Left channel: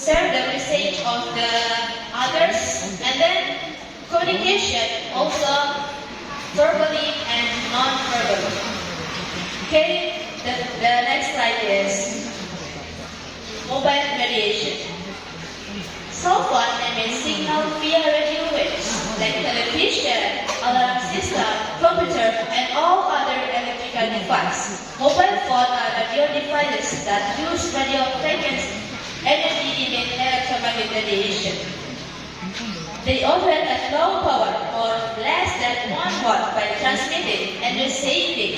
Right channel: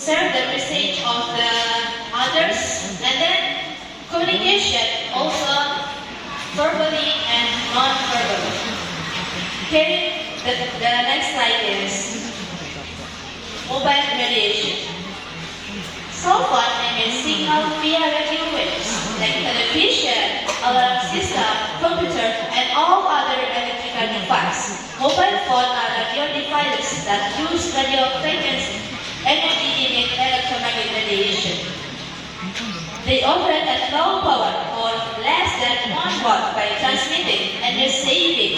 serve the message of the others, and then communication also verbally and non-verbally. Okay, the next slide is mobile radiation. Cell phone emits signal via radio waves like television, alarm system, computer, and all other electrical devices. Mobile phones are radio devices that use radio frequency energy in electromagnetic radiation. They operate at low power or less than 1 watt by transmitting and receiving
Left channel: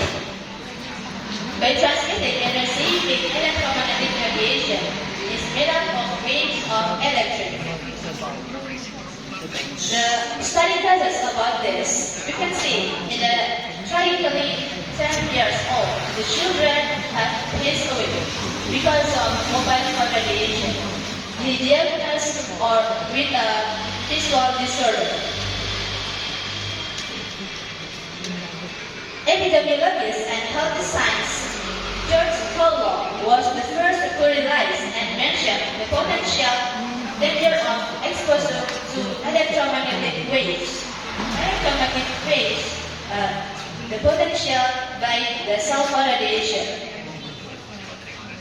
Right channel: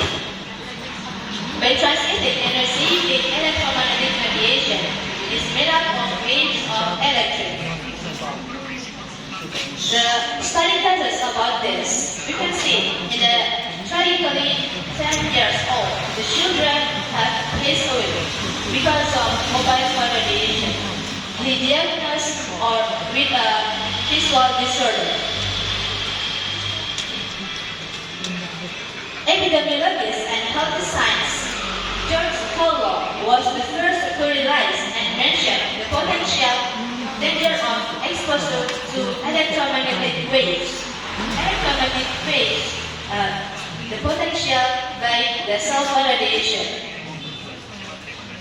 electromagnetic radiation is made up of waves of electric. The study tells us about this. You can see in the tragically 10 years old, the children have passed away because of mobile phone radiation. The diagnosed or with a visual disorder. Epidemiologist and health scientist George Colwell was the first to realize and mention the potential danger of exposure to electromagnetic waves. Electromagnetic waves, the potential by the cell phone radiation.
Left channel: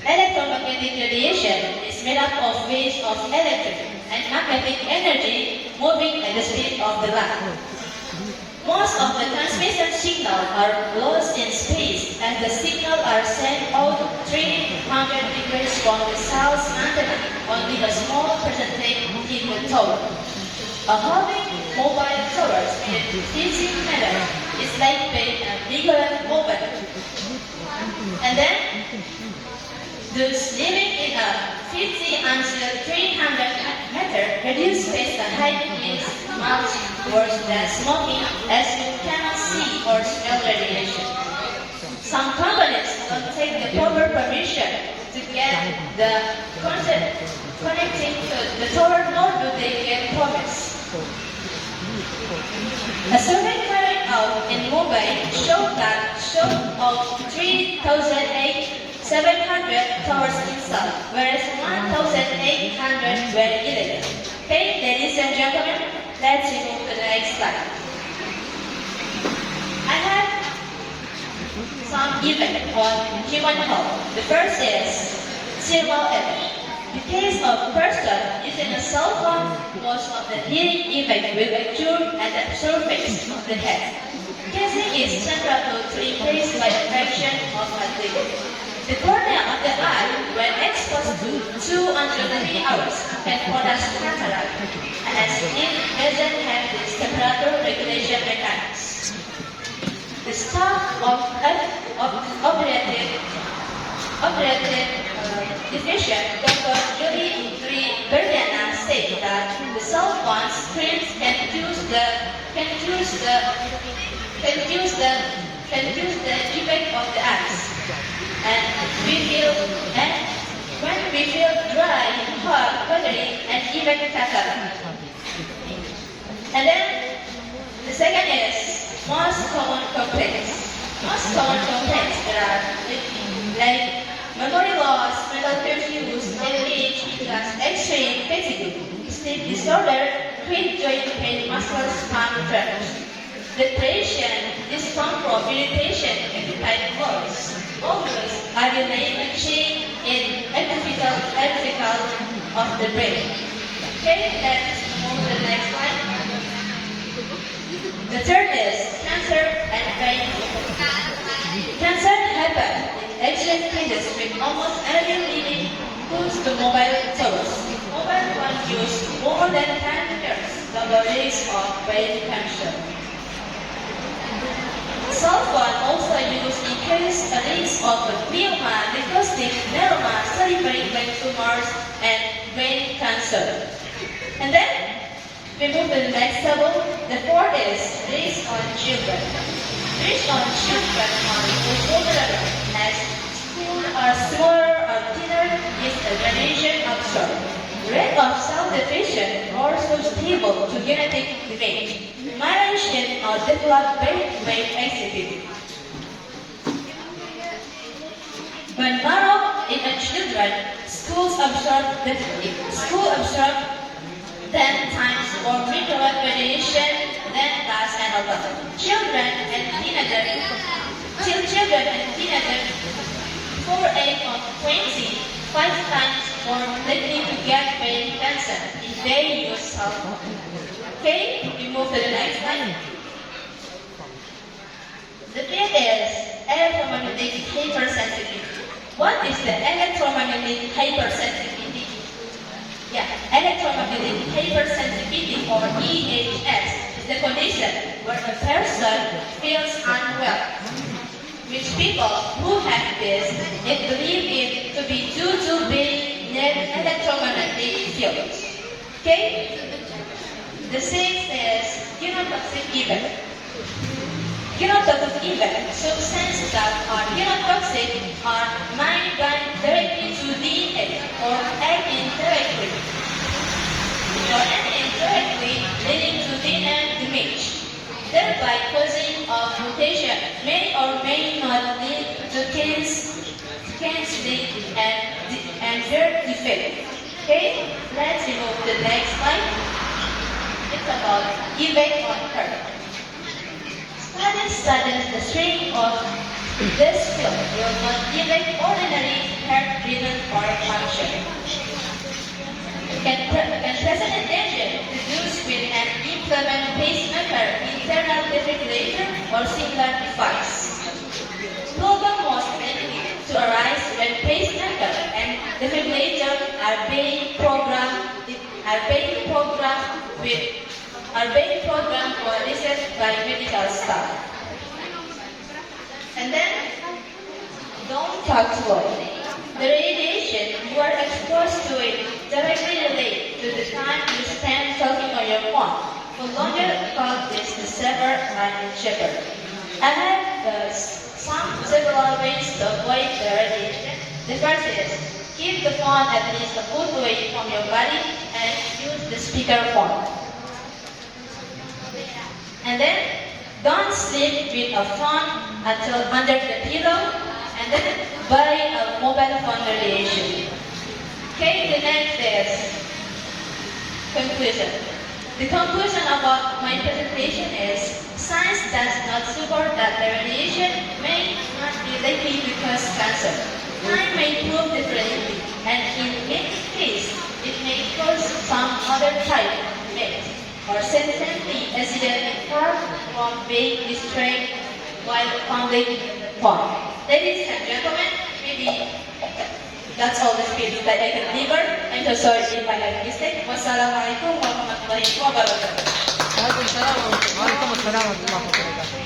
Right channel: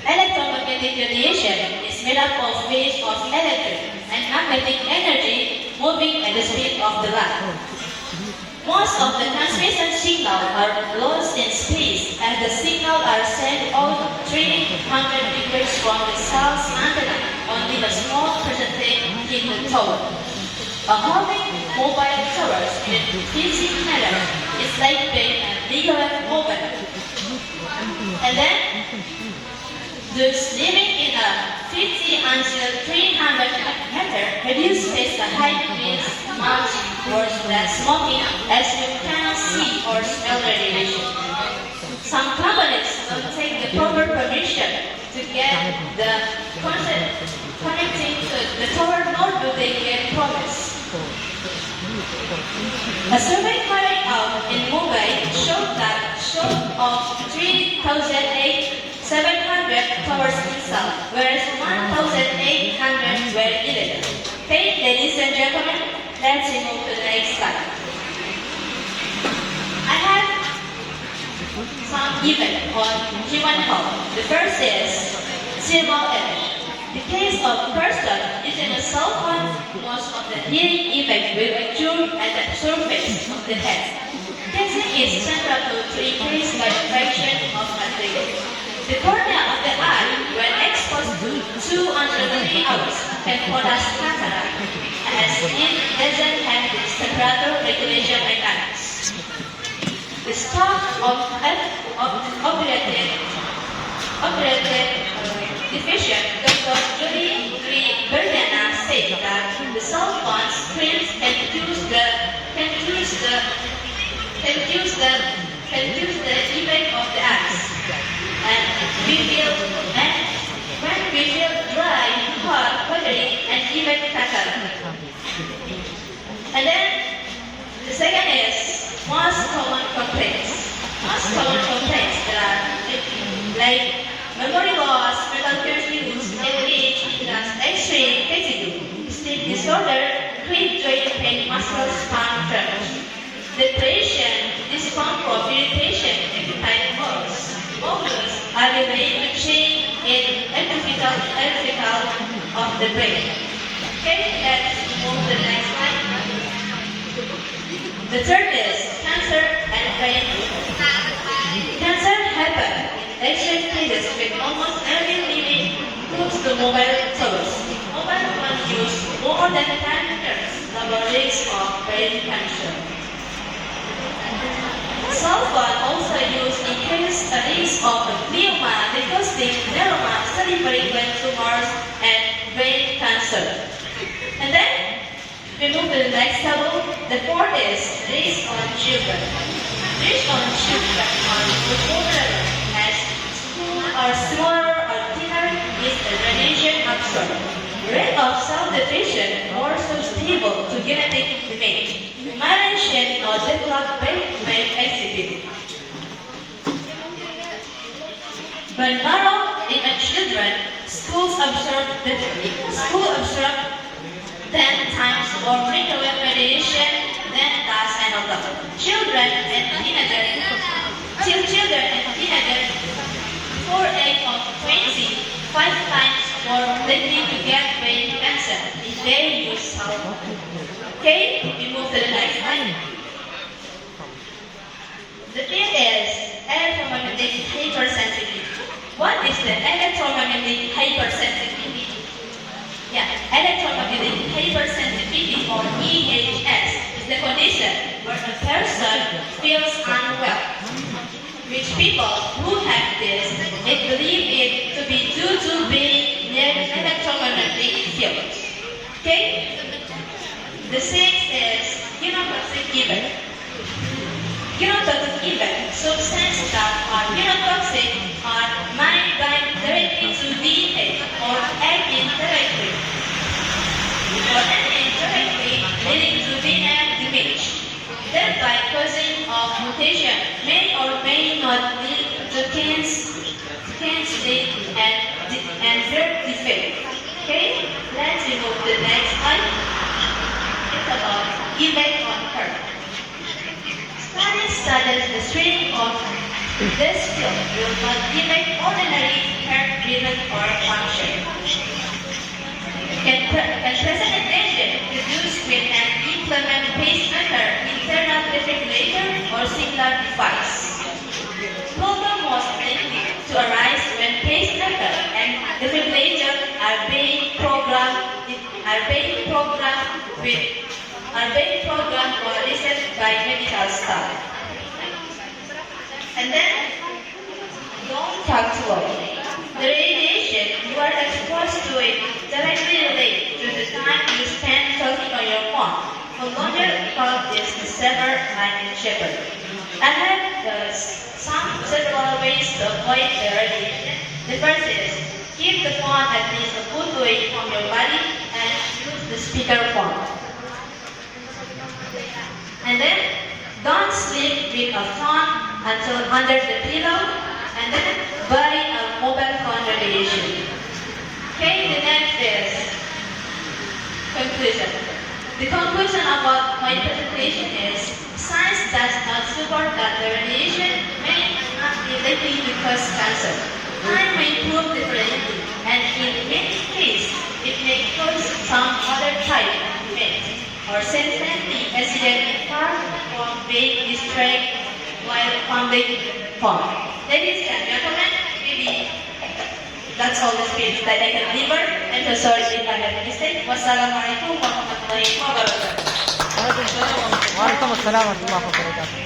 Electromagnetic radiation is made up of waves of electric and magnetic energy moving at the speed of the light. Most of the transmission signals are lost in space, and the signals are sent out 300 degrees from the cell's antenna only a small percentage in the tower. Having mobile towers in a physics manner is like being a bigger mobile. And then, those living in a 50 until 300 meter reduced space the height is much worse than smoking, as you cannot see or smell radiation. Some companies don't take the proper permission to get the concept connecting to the tower, nor do they get promise. A survey carried out in Mumbai showed that of 3,700 towers installed, whereas 1,800 were illegal. Okay, ladies and gentlemen, let's move to the next slide. I have some events on human health. The first is cerebral edge. The case of person using a cell phone, most of the hearing effect will occur at the surface of the head. Gazing is central to increase vibration of material. The cornea of the eye, when exposed to 2 under 3 hours, can produce cataract, as it doesn't have this temperature regulation mechanism. The staff of operative division, Dr. Julie Berdana, said that the cell phone screens can use the effect of the eyes. And when we feel dry, hot, watery, and even cataract. And then the second is most common complaints. Most common complaints are like memory loss, mental confuse, age, extreme fatigue, sleep disorder, quick joint pain, muscle spasm tremors, depression, discomfort, irritation, appetite loss. Focus are related to change in electrical of the brain. Okay, let's move to the next slide. The third is cancer and brain. Cancer happens in extreme cases with almost every living close to mobile towers. Mobile phones use more than 10 times the risk of brain cancer. Cell phone also used increase the risk of glioma, leukocytic, neuroma, cerebral gland tumors, and brain cancer. And then we move to the next table. The fourth is risk on children. Risk on children are reported as schools are smaller or thinner is the radiation absorbed. The rate of cell division also stable to genetic event. Myelination or developed brain activity. When none of it the children, school absorb 10 times more microwave radiation than does an adult. Children and teenagers, 4 age of 20, 5 times more likely to get brain cancer if they use salt. Okay, we move to the next slide. The fifth is electromagnetic hypersensitivity. What is the electromagnetic hypersensitivity? Electromagnetic hypersensitivity, or BHS, is the condition where a person feels unwell. Which people who have this, they believe it to be due to being near electromagnetic fields. Okay? The sixth is genotoxic event. Genotoxic event, substances that are genotoxic are migrated directly to DNA or indirectly, leading to DNA damage, thereby causing a mutation may or may not lead to cancer and birth defect. Okay, let's move to the next slide. It's about effect on heart. Studies the strength of this field will not affect ordinary heart-driven or function. Can present attention produced with an implement pacemaker, internal defibrillator, or similar device. Problem most likely to arise when pacemaker and defibrillator are being programmed for research by medical staff. And then, don't talk to it. The radiation you are exposed to it directly relates to the time you spend talking on your phone. For longer about this to sever and shepherd. I have several ways to avoid the radiation. The first is keep the phone at least a foot away from your body and use the speakerphone. And then don't sleep with a phone until under the pillow, and then buy a mobile phone radiation. Okay, the next is conclusion. The conclusion about my presentation is science does not support that the radiation may not be likely to cause cancer. Time may prove differently, and in many cases, it may cause some other type of effect or sensibly accident far from being destroyed while public phone. Ladies and gentlemen, maybe that's all the speech that I can deliver. I'm so sorry if I had a mistake. Wassalamualaikum warahmatullahi wabarakatuh. Waalaikumsalam warahmatullahi wabarakatuh.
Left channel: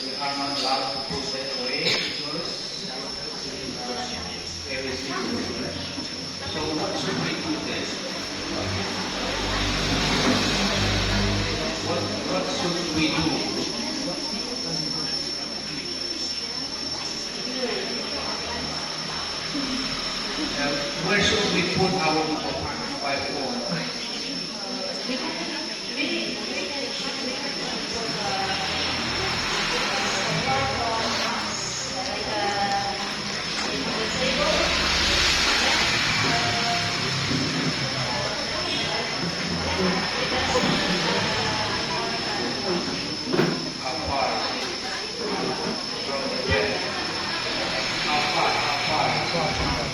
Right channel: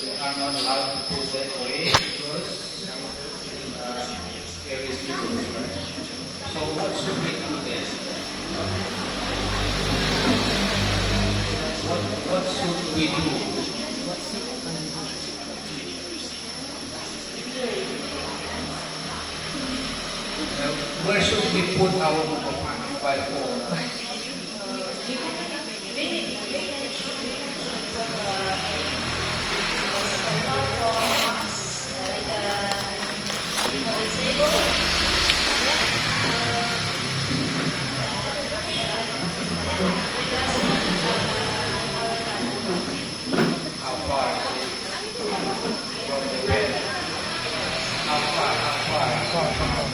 We are not allowed to go that way because there is people. So what should we do then? What should we do? Where should we put our mobile phone? How far? From the bed? How far?